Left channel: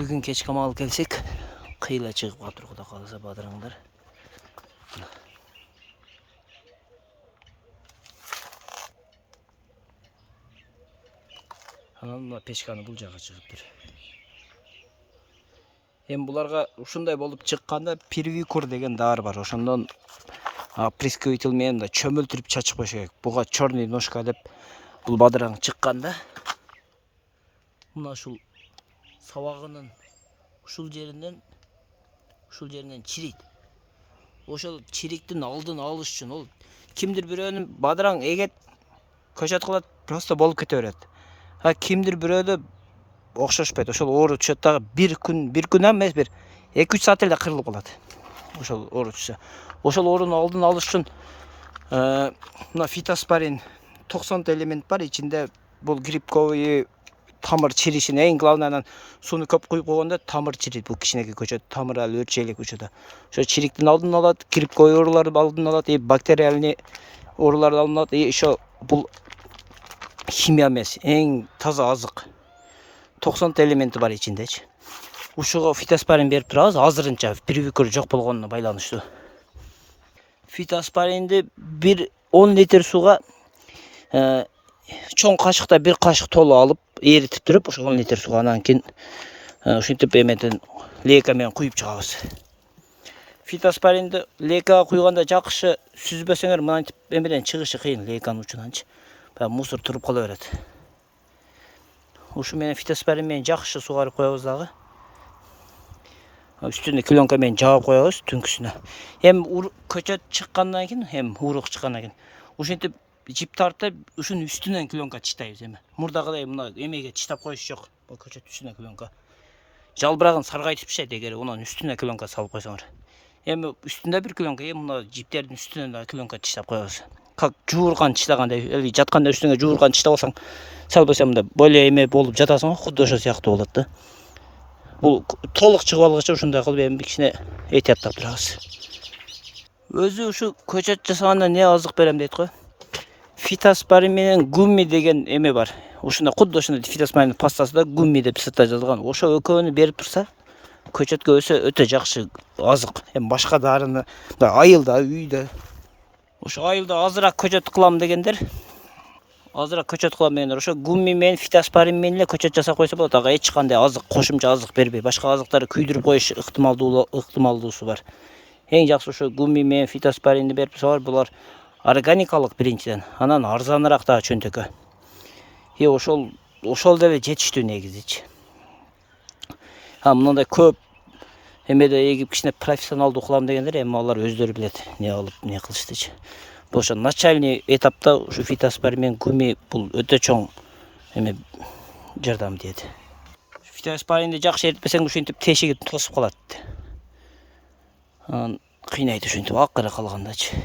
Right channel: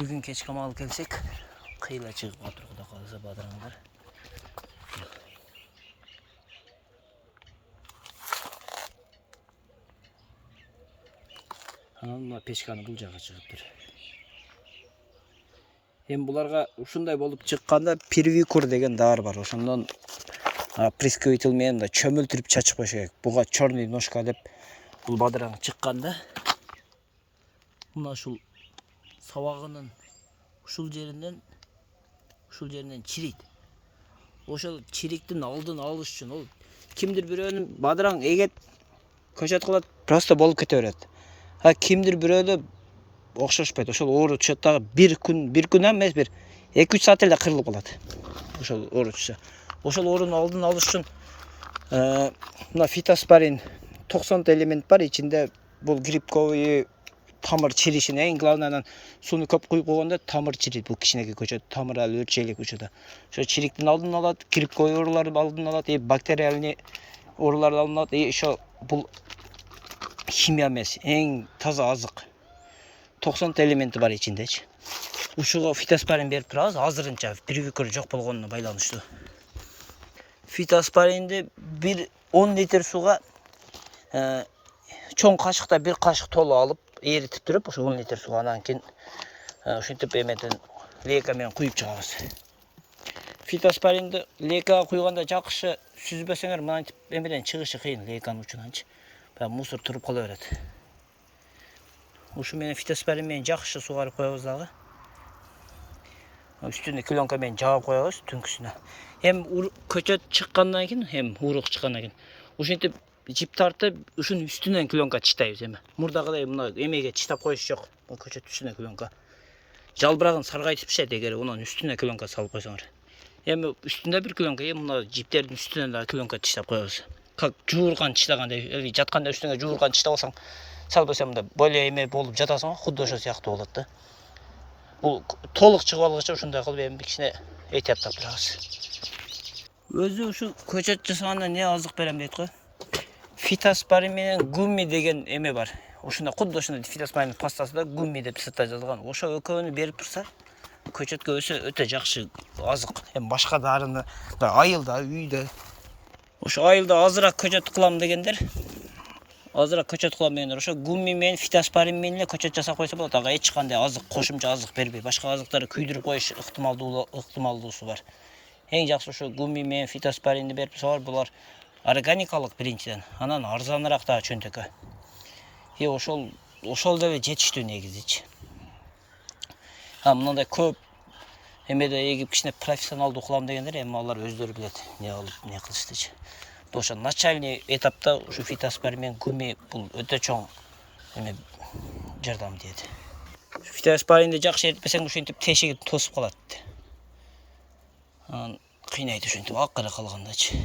Бүгін кешке мал келсек, қиыла шығып қатыр, құда қаласа бадыраңдар. Мына пешканы бұл жаққа шығып тұр. Бұларға ушундай болып шыққанда первикур деген дары бар. Ошондон прискоритель менен чөмүлтүрүп чачып коюш керек. Буга черный ножка деп бул бадыраң чыкканда мына ушул сабагынын ушул жеринен чирейт. Ошол чириктин алдын алыш үчүн ол кимдир бирөөнүн бадыраң эгет көчөт кылат, просто болуп кете берет. Кимдир бирөөдө окшошпойт. Ошол оору түшөт дагы бир күн эмес, бир 2-3 саат эле кырылып калат. Ошол оору түшсө. Ошол оорунун алдын алыш үчүн мына фитоспорин 90 элемент бар ичинде. Бул грибковый тамыр чиришин эң главныйынан сууну көп куюп койгондо тамыр чирийт. Бул кичинекей көчөт, тамыры ал өрчөйлүк көчөдө. Ошо чириктин алдын алат, грибковый оорулардын алдын алат, бактериальный оорулардын алдын алат. Ошо бул химия эмес, эң таза азык. 90 элементи бар ичиндечи. Ушуга фитоспорин берип турабыз, азырынча первикур жок болгонуна байланыштуу. Фитоспоринди 10 литр сууга чоң кашыкта 1 кашык толу алып, эритип туруп, ошо 10 литр сууга анан кийин ушинтип эметен лейка менен куюп чыгабыз. Фитоспоринди лейкага куйганда жакшы сүзбөсөңөр мынантип эмеден чыгышы кыйын, лейканын учунанчы. Мусор туруп кала берет. Ушу менен фитоспорин менен жакшы сугарып коебуз дагы. Үстүнө клёнка менен жаап коебуз түнкүсүнө. Көчөт чыккандан кийин, урук чыккандан кийин ушинтип жип тартып, ушунун үстүнөн клёнка чыштайбыз эми. Мурдагыдай мына эмеге чыштап коюш жок. Бул көчөт үстүнө клёнка. Жалбырагын саргайтып пишет эгер унун үстүнө клёнка салып койсоңор. Үстүндө бир клёнка, мына жиптердин үстүнөн да клёнка чыштап коебуз. Как жуурган чыштагандай, жатканда үстүнгө жуурган чыштап алсаң, салбаса мында более эме болуп жатасың, худо ошо сыяктуу болот да. Бул толук чыгып алгыча ушундай кылып эми кичине этияттап турабыз. Өзү ушу көчөт жасаганда не азык берем дейт го. Фитоспорин менен гумми деген эме бар. Ушунда худо ушундай фитоспорин пастасында гумми деп сыртта жазылган. Ошо экөөнү берип турса, көчөткө өсө өтө жакшы азык. Башка дарыны айылда, үйдө. Ошо айылда азыраак көчөт кылам дегендер, ошо гумми менен фитоспорин менен эле көчөт жасап койсо болот. Ага эч кандай азык, кошумча азык бербей, башка азыктарды күйдүрүп коюш ыктымалдуусу бар. Эң жакшы ошо гумми менен фитоспоринди берип турсалар, булар органикалык биринчиден, анан арзаныраак да чөнтөккө. Ошол деле жетиштүү негизичи. Мындай көп эмеде эгип кичине профессионалдуу кылам дегендер, эми алар өздөрү билет не алып, не кылыштычы. Ошо начальный этапта ушу фитоспорин менен гумми бул өтө чоң эме жардам дейт. Фитоспоринди жакшы эритпесең ушинтип тешиги тосуп калат. Кыйнайт ушинтип акыры калгандачы.